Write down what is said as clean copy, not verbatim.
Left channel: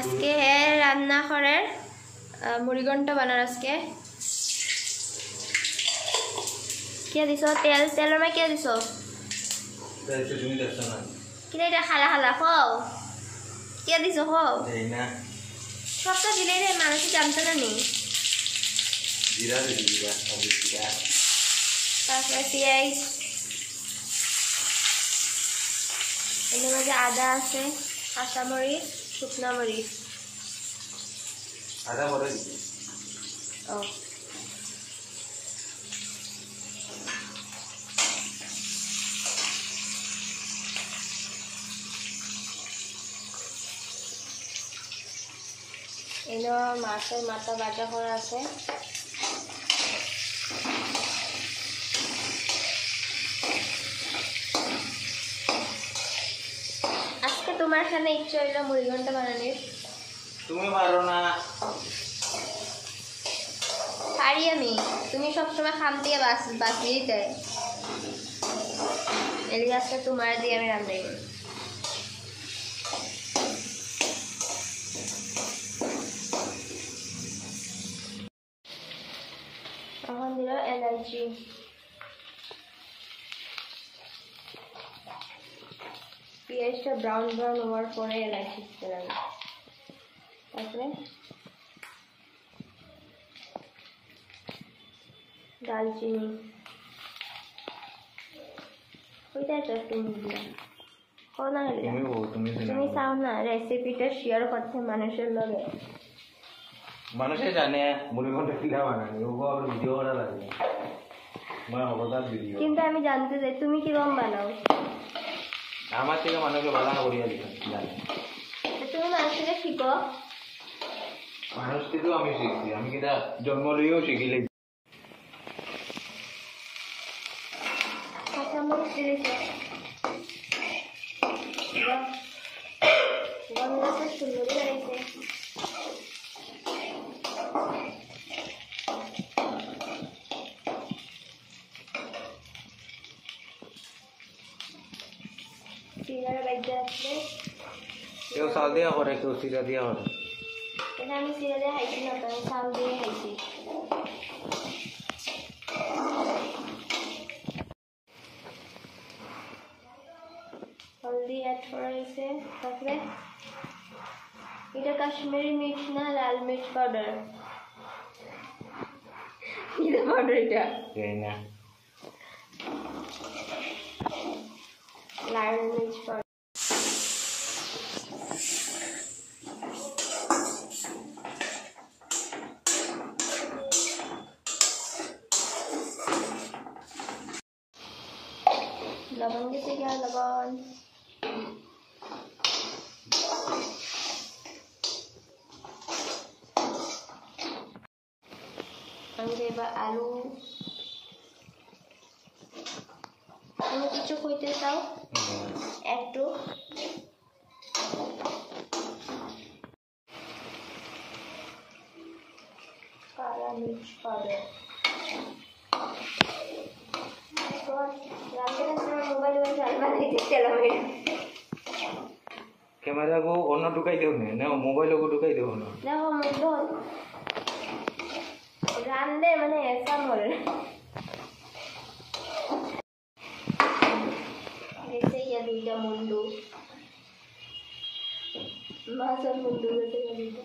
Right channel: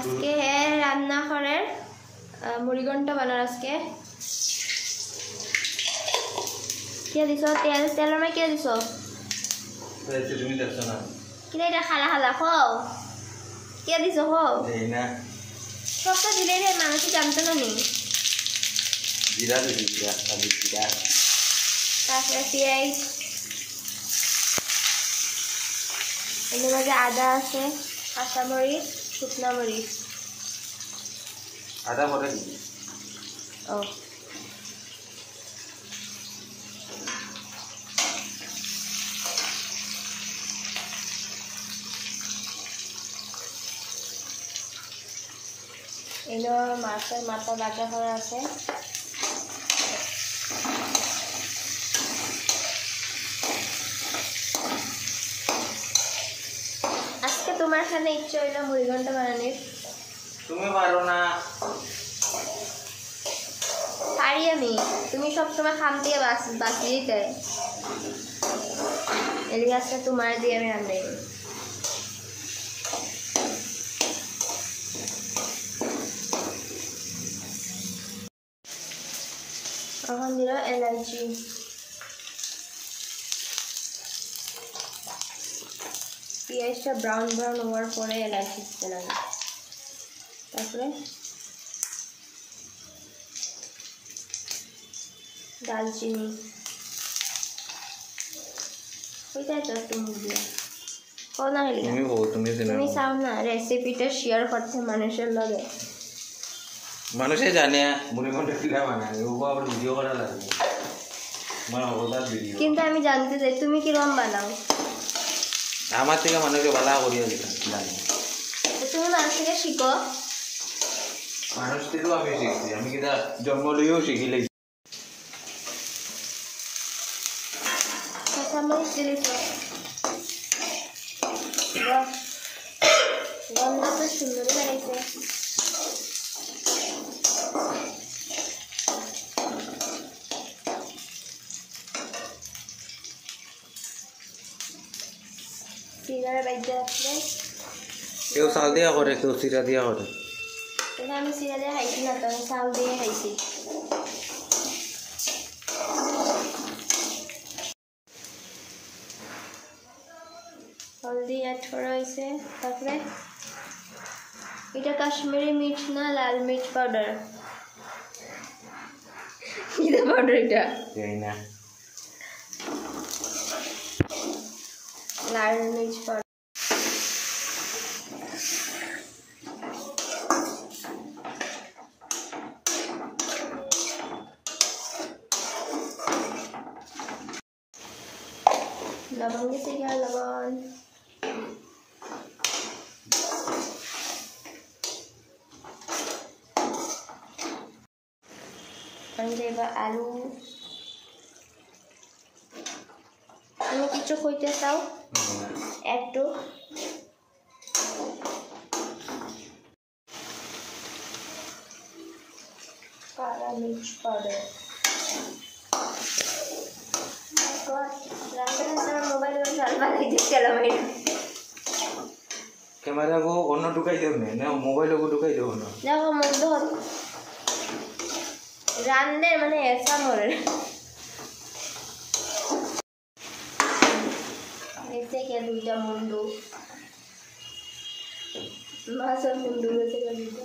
আজকে রান্না করার মুড়িঘণ্ট বানার আজকে কে দিছ তেল তেলের মধ্যে কে দিছ তুমি দেখছো না কিনা এটা খালা খালা খাও কে দিছ খাও না সবটা দিলে রে মানুষ জানতো না নি জিরা দিবি জিরা তারপরে পেঁয়াজ এর মধ্যে আদা আছে কাঁচামরিচ শুকনা মরিচ আদা মরে ও এলো মাছের মাথা বাটা করা আছে আজকে তোমার এখানে ইচ্ছে হইলো মুড়িঘণ্ট বানানোর তুমি পারো না পারি আমি তুমি সবসময় খাম দিয়ে বাঁচিয়ে দেয় এর গাছটা তোমার দিয়ে আমি রান্না করি alhamdulillah energy পেঁয়াজটা ব্রাউন ব্রাউন হওয়ার পরে এলাচি দিতে লাগে তারপরে দালচিনি ওইটাই তো তুমি দিয়া কোনা তুমি চাও না রেসিপিটা শেয়ার করতে মানুষের লগে মানুষে জানে মুড়িঘণ্ট কিলা বানায় ও আবার ভিডিও করা লাগে আমার অবদান ভিডিও কিন্তু আমি জানতে চাই তুমি কিরকম বানাও আমার থেকে মানুষকে বাধা করিয়া দিতাম তুমি মানুষ থেকে শিখো মানুষ থেকেও আমি শিখছি আমি কিনা জন্ম লইও শিখিলেই কাঁচামরিচ দিলিস গন্ধ তো সুন্দরই বেড়াইছে সিরার বাইরে রাখলে কেউ চাল দিয়া করে কেউ সিরা দিয়া করে কিন্তু আমি সিরা দিয়ে খাইছি না তো আমি চাল দিয়ে খাইছি হলদি অ্যাড করা হয়েছে তারপরে এটা কাশ্মীরি মির্চ না লাল মির্চ পাউডার এটা পাউডার এটা না লাল মির্চ পাউডার লবণ দিতে গিয়া লবণ আমি দেব আলু তুমি কিছু কইতে চাও একটু কালা মির্চ পাউডার ক্যামেরা গো অন্য ঢুকাই দেও না মোবাইল গো ঢুকাই দেও না দেখো মন্দ রান্নে মানে এসা মরে এসে গিয়ে দুইটা মুন্ডু মাছের মুন্ডু গেছে দুইটা